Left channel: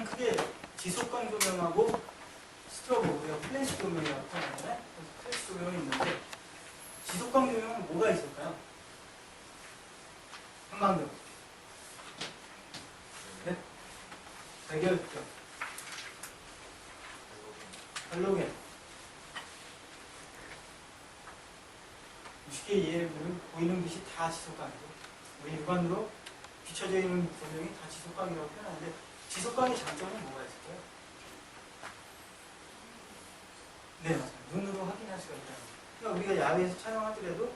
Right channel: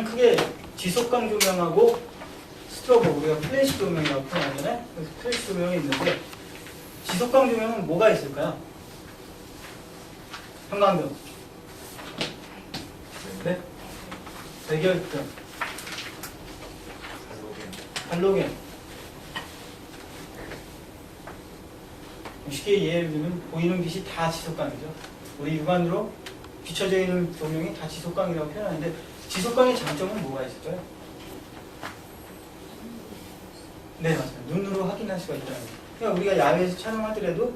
가장 크게 지속광 조명하고 스트로보, 우리가 플래시 조명이라고 표현하잖아요. 플래시 조명이 있는데 지속광 조명은 뭐가 있을까요? 형광등. 네? 백열등. 할로겐. 쉽게 이해를 들면 보이는 빛이 다 지속광이죠. 우리 육안으로 비춰져 있는 조명이 다 지속광이라고 표현하는데 지속광의 장점은 뭐가 있을까요? 네, 맞습니다. 눈으로 확인할 수가 있다는 거죠. 그러니까 우리가 야외에서 촬영하더라도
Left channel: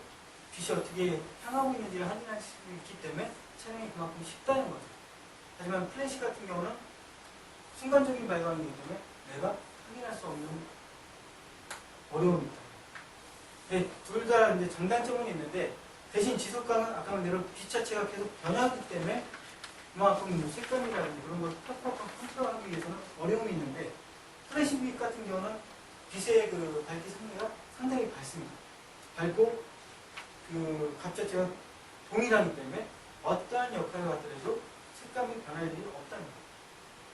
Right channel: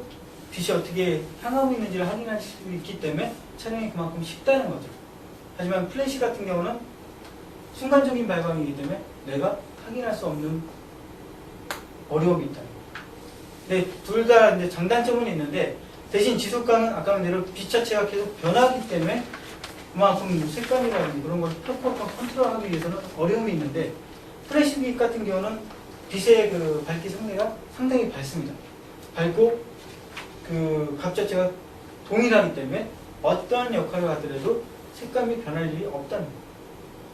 빛이 어떻게 향하고 있는지를 확인할 수 있기 때문에 촬영이 그만큼 쉽다는 거죠. 하지만 플래시 같은 경우는 순간적인 발광이기 때문에 내가 확인할 수 없는 어려움이 있다. 네, 둘 다 이제 장단점은 있는데 대신 지속광은 아까 말대로 빛 자체가 계속 변하기 때문에 그만큼 색감이라든지 그런 걸 톡톡톡 컨트롤하기 위해서는 어려움이 있는데 플래시빛 같은 경우는 빛의 그 밝기 상대가 상당히 밝습니다. 밝고 그 각 자체가 동일하기 때문에 어떠한 역할을 하더라도 색감이 변할 일이 없다는 거예요.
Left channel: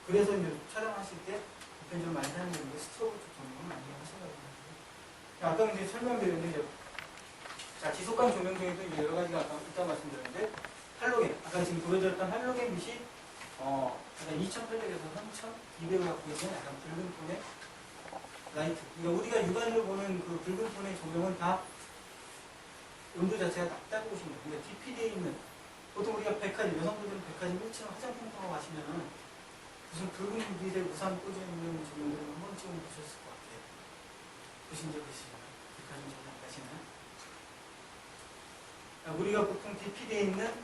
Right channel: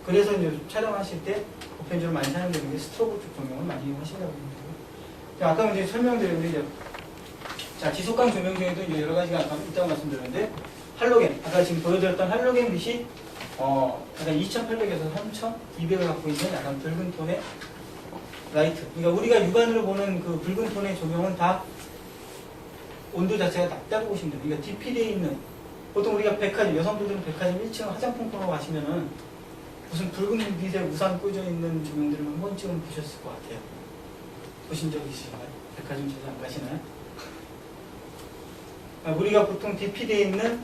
그래서 이제 촬영하실 때 보편적으로 많이 사용되는 게 스트로보 쪽 조명을 많이 이용하신다고 합니다. 아까 이제 설명드린 게 자, 지속광 조명 중에도 이제 여러 가지가 아까 있다고 말씀드렸는데 할로겐, 아까 지금 보여드렸던 할로겐 빛이 약간 2800에서 3200을 갖고 있는 약간 붉은 톤의 라이트. 그러니까 우리가 육안으로 보는 그 붉은 톤의 조명은 다 온도 자체가 낮다고 보시면 돼요. 그러니까 DP되어 있는 보통 우리가 백화점, 여성분들은 백화점 1층 화장품 코너 가시면은 무슨 붉은 빛에 우산 꽂아 있는 조명들을 한 번쯤은 보셨을 것 같아요. 보신 적 있으신가요? 백화점 자주 안 가시나요? 우리가 보통 DP되어 있는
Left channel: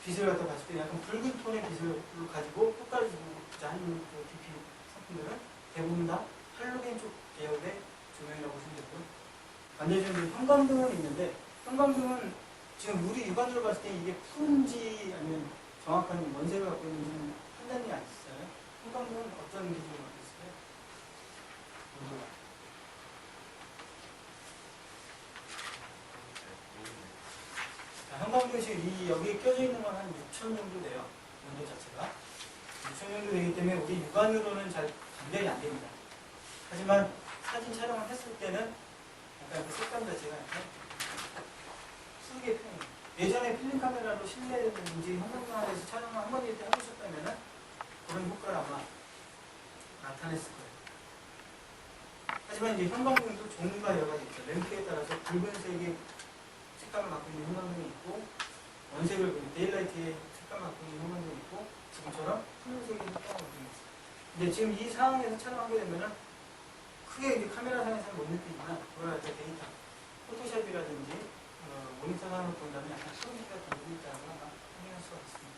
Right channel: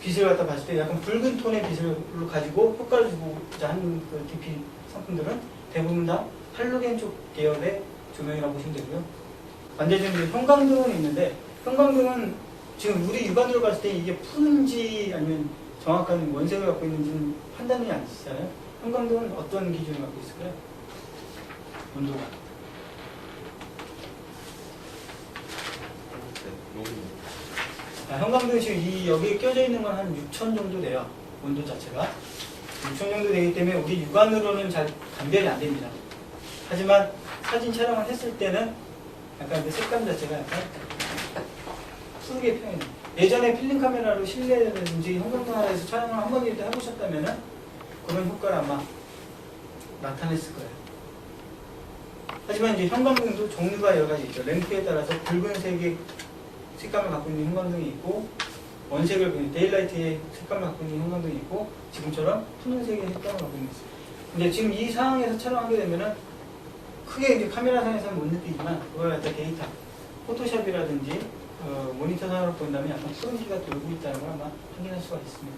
빛을 갖다 봤을 때 약간 붉은 톤의 빛을 가지고 효과를 주고자 하는 그 DP 상품들은 대부분 다 할로겐 쪽 계열의 조명이라고 보시면 되고요. 반대적으로 형광등은 있는데 형광등은 지금 우리 육안으로 봤을 때 이게 푸른지 아니면 정확한 원색을 갖고 있는지는 판단이 안 되시잖아요. 형광등은 어떤 기준을 갖고 있을까요? 온도가. 형광등 지금 여기에 껴져 있는 건 한 6000 정도 돼요. 온도 자체가. 6000 정도 되기 때문에 우리 육안으로는 잘 감별이 안 됩니다. 하지만 사진 촬영을 했을 때는 약간 그 색감 자체가 약간 푸르게 표현해요. 예전에 필름 카메라로 실내라든지 형광등 아래에서 촬영을 한 번이라도 해보셨다면 그런 효과를 아마 나타냈을 거예요. 하지만 이제 형광등도 종류가 여러 가지 있죠. 램프에 따라서 붉은색의 색감을 갖고 있는 형광등이 있고 원색을 데일라이트의 색감을 갖고 있는 형광등이 있고 지금처럼 푸른색의 색감을 갖고 있는 있어요. 근데 지금 이 상황에서 촬영하게 되면은 크게 이제 카메라상에서는 못 느끼지만 그걸 갖다 데이터, 포토샵이라든지 모니터 상으로 본다면 약간 푸른기가 돌고 있다는 걸 아마 확인할 수가 있습니다.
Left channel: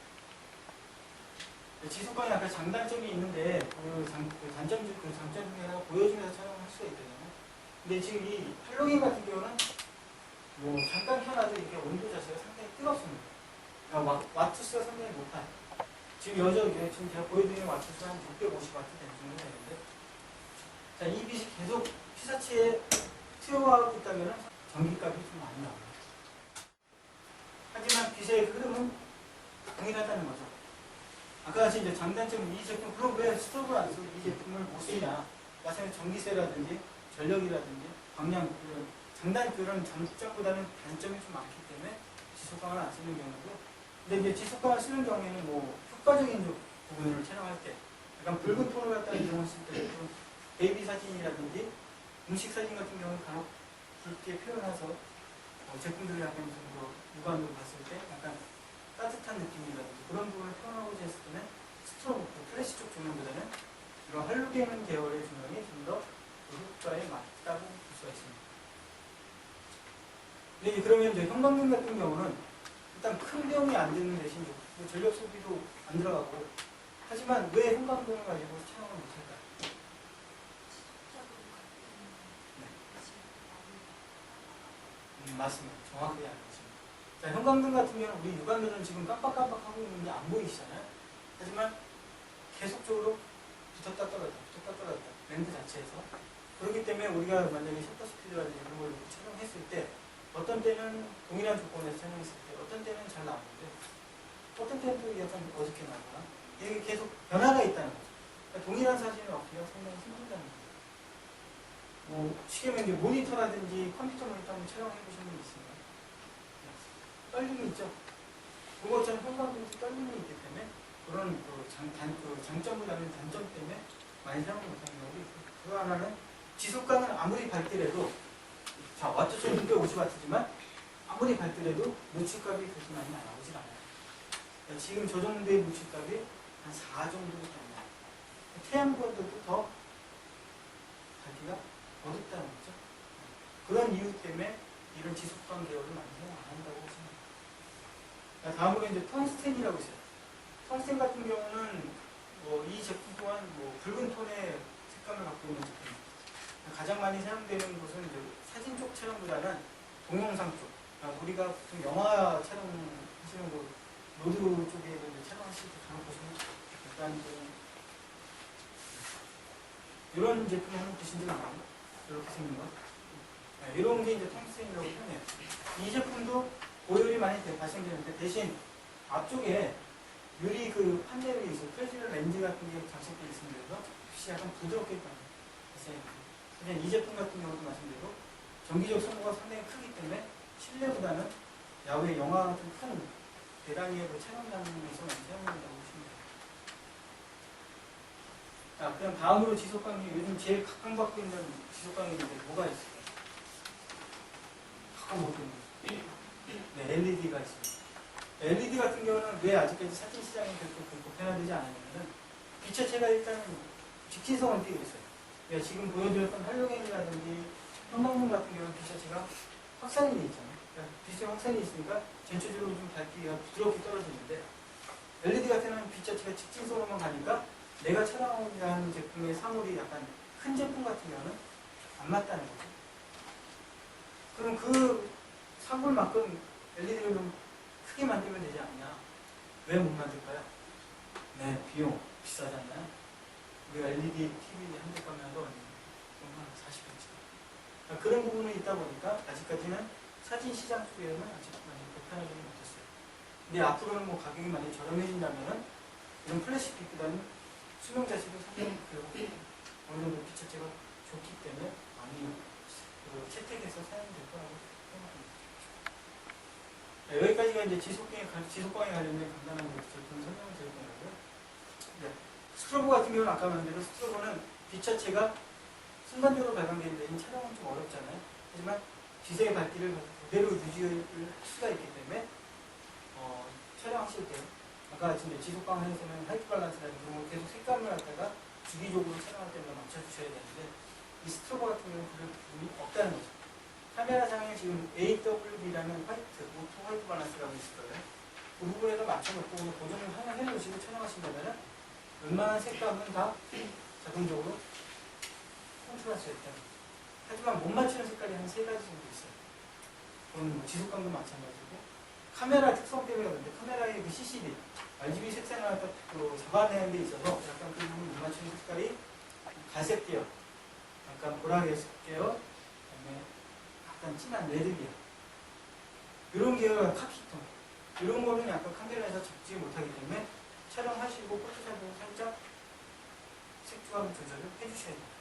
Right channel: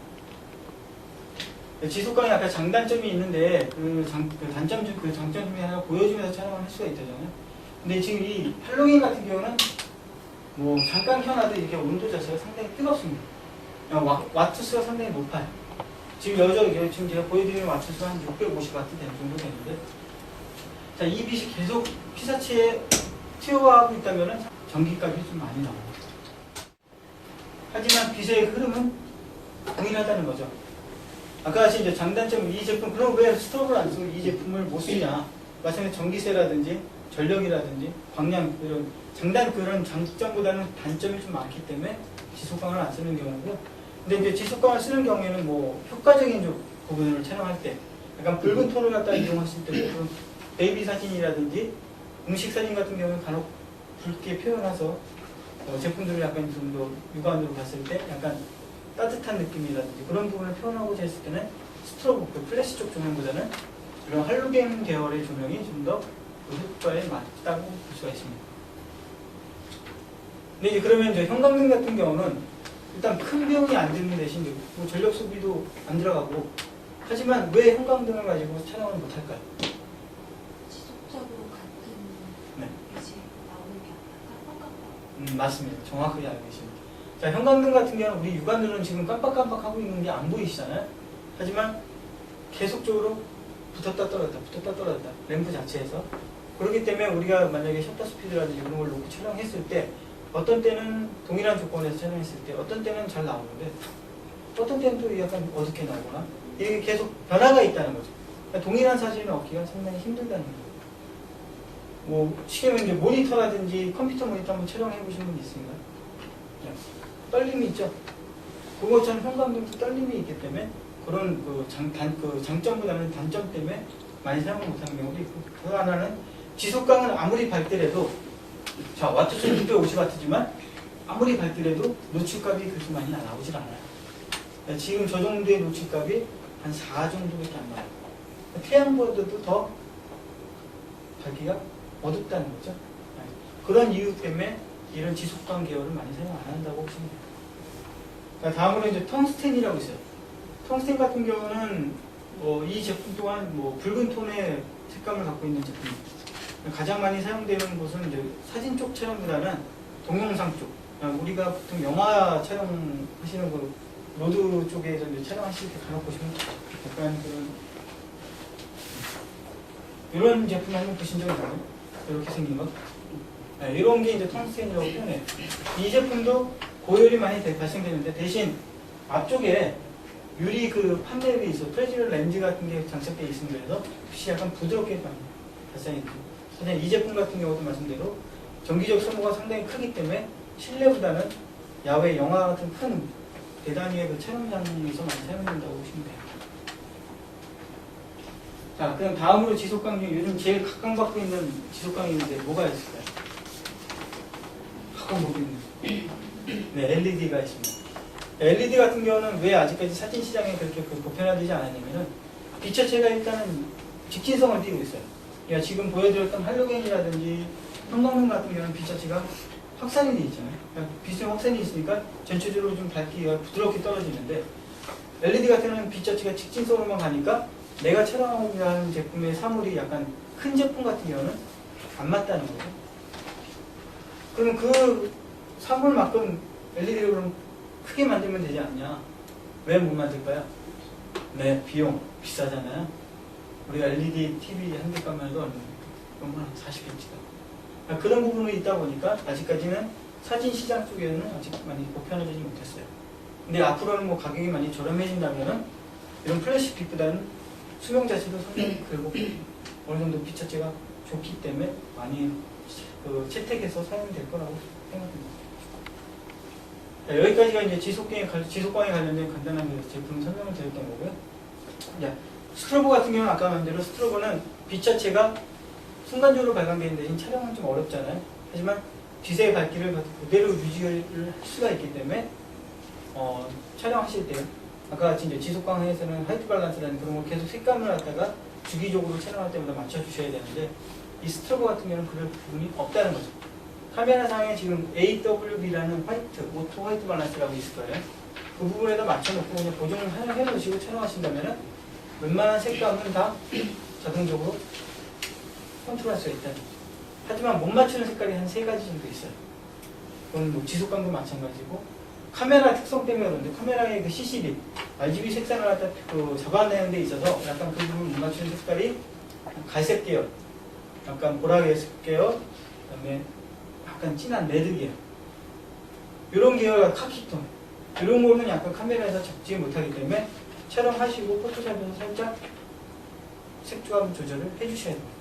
지속광이 아까 장단점이 있는데 그 단점 중 그 장점 중에 하나 보여주면서 촬영을 할 수가 있잖아요. 근데 지금 이 할로겐 같은 경우는 뭐 잠깐 켜놔도 이렇게 온도 자체가 상당히 뜨겁습니다. 와트수가 상당히 높아요. 지금 제가 보여드리는 와트수가 한 650와트 정도 되는데, 자, 이 빛이 계속 피사체에 튀어가고 있다면 전기값이 좀 많이 나옵니다. 하지만 빛의 흐름은 동일하다는 거죠. 아까 같이 이제 장단점 이 제품, 그럼 왜 스토브를 안 쓰고 이 제품을 못 쓰냐? 마찬가지로 전기세라든지 전력이라든지 광량 그런 장점보다는 단점이 좀 많기 때문에 지속광을 안 쓰는 경우고, 근데 이제 지속광을 쓰는 경우에는 뭐 효과적인 부분을 촬영할 때 약간 붉은 톤을 갖다 이용했을 때 베이비 사진이라든지 음식 사진 같은 경우는 간혹 붉게 표현해서 제품들을 약간 좀 더 육안으로 봤을 때 약간 따뜻한 느낌이라든지 그런 부분을 표현하고자 했을 때는 스트로보, 그 플래시 쪽 조명보다는 이런 할로겐 계열의 조명이 좀 더 효과에 맞다고 볼 수가 있습니다. 근데 이제 그러면 이제 형광등 같은 경우는 일단 큰 비용이 안 드는 대신 뭐 전력 소비도 안 들어가고, 하지만 왜 형광등을 가지고 촬영을 못할까요? 지속적으로 같은 네. 빛이 나오는 게 맞습니다. 정확하게 알고 계십니다. 자, 형광등 같은 경우는 우리 육안으로는 지금 깜빡깜빡 하고 있는 게 안 보이시잖아요. 하지만 계속적으로 붙었다 떨어졌다 램프 자체에서. 그렇기 때문에 우리가 만약에 셔터 스피드라든지 그런 걸 놓고 촬영했을 때 어떤 때는 동일한 조건에서 촬영했을 때 어떤 때는 잘 나오는데 어떤 때는 또 약간 어둡게 나거나 이게 계속 변화가 있다는 거죠. 그러니까 동일한 사진을 얻기가 상당히 힘들다는 거예요. 뭐 지금 이제 모니터라든지 컴퓨터 모니터 한번 촬영해 보신 분 있습니까? 네. 떨림이 있죠. 그것처럼 형광등도 떨림이 있기 때문에 그런 그 장점보다는 단점 때문에 많이 사용을 못하는 경우도 있고, 그 하나는 지속광은 아무리 밝더라도, 자 와트수는 650W지만 아무리 밝더라도 노출값이 그렇게 많이 나오질 않아요. 그러니까 지금 저 정도의 노출값이 한 4 정도밖에 안 나와요. 태양보다도 더 밝기가 어둡다는 거죠. 그런 이유 때문에 이런 지속광 계열을 많이 사용 안 한다고 보시면 돼요. 그러니까 다음으로 이제 텅스텐이라고 있어요. 텅스텐 같은 경우는 이 제품 또한 붉은 톤의 색감을 갖고 있는 제품입니다. 가장 많이 사용되는 곳은 이제 사진 쪽 촬영보다는 동영상 쪽. 우리가 보통 영화 촬영하시는 그 로드 쪽에서 이제 촬영하실 때 간혹 보시면 약간 이런 제품 한번 보신 적 있나요? 이렇게 생긴 것. 네, 이런 게 이제 텅스텐이라고 표현해요. 이 제품도 고열이 많이 발생되는데 대신 앞쪽에 유리 그 판넬이 있어 프레지럴 렌즈 같은 게 장착되어 있습니다. 그래서 빛이 약간 부드럽게 발생이 됩니다. 사실 이 제품 같은 경우도 말씀대로 전기적 소모가 상당히 크기 때문에 실내보다는 야외 영화 같은 큰 대단위의 그 촬영장에서 많이 사용된다고 보시면 돼요. 자, 그럼 다음으로 지속광 중 요즘 제일 각광받고 있는 지속광이 있는데 뭐가 있을까요? 각광받고 있는 네, LED가 있습니다. LED 같은 경우는 왜 아직까지 사진 시장에 그렇게 보편화되지 않았냐면은 빛자체가 일단은 직진성을 띠고 있어요. 그러니까 지금 보여드렸던 할로겐이라든지 형광등 같은 경우는 빛자체가 확산이 되어 있잖아요. 그러니까 빛의 확산이 있으니까 전체적으로 좀 밝기가 부드럽게 떨어지는데 LED 같은 경우는 빛자체가 직진성으로만 가니까 내가 촬영하고자 하는 제품의 사물이 약간 큰 제품 같은 경우는 안 맞다는 거죠. 그러면 그 사물만큼 LED를 그럼 크게 만들면 되지 않냐? 왜 못 만들까요? 네, 비용 비싸잖아요. 우리가 LED TV 한 대 가면 해도 얼마? 40인치가. 그런 부분이 있다 보니까 아직까지는 사진 시장 쪽에는 아직 많이 보편화되지 못했어요. 근데 앞으로는 가격이 많이 저렴해진다면은 이런 플래시 빛보다는 수명 자체도 상당히 길고 어느 정도 빛자체가 좋기 때문에 많이 채택해서 사용될 거라고 생각합니다. 여기까지가 이제 지속광에 관련된 간단한 제품 설명을 드렸던 거고요. 자, 스트로보 같은 경우는 아까 말한 대로 스트로보는 빛 자체가 순간적으로 발광되는 대신 촬영은 좀 어렵잖아요. 하지만 빛의 밝기를 그대로 유지할 수가 있기 때문에 촬영하실 때 아까 같이 이제 지속광에서는 화이트 밸런스라는 그런 거 계속 색감을 갖다가 주기적으로 촬영할 때마다 맞춰주셔야 되는데 이 스트로보 같은 경우는 그럴 부분이 없다는 거죠. 카메라상에 지금 AWB라는 오토 화이트 밸런스라고 있을 거예요. 그 부분에다 맞춰놓고 그냥 고정을 해놓으시고 촬영하신다면 웬만한 색감은 다 자동적으로 컨트롤할 수가 있다. 하지만 못 맞추는 색깔이 한 3가지 정도 있어요. 그건 지속광도 마찬가지고 카메라 특성 때문에 그런데 카메라의 그 CCD, RGB 색상을 갖다 잡아내는 데 있어서 약간 그 부분 못 맞추는 색깔이 갈색 계열, 약간 보라색 계열, 그 다음에 약간 진한 레드 계열, 이런 계열과 카키톤, 이런 거는 약간 카메라에서 잡지 못하기 때문에 촬영하시고 포토샵에서 살짝 색조합 조절을 해주셔야 돼요.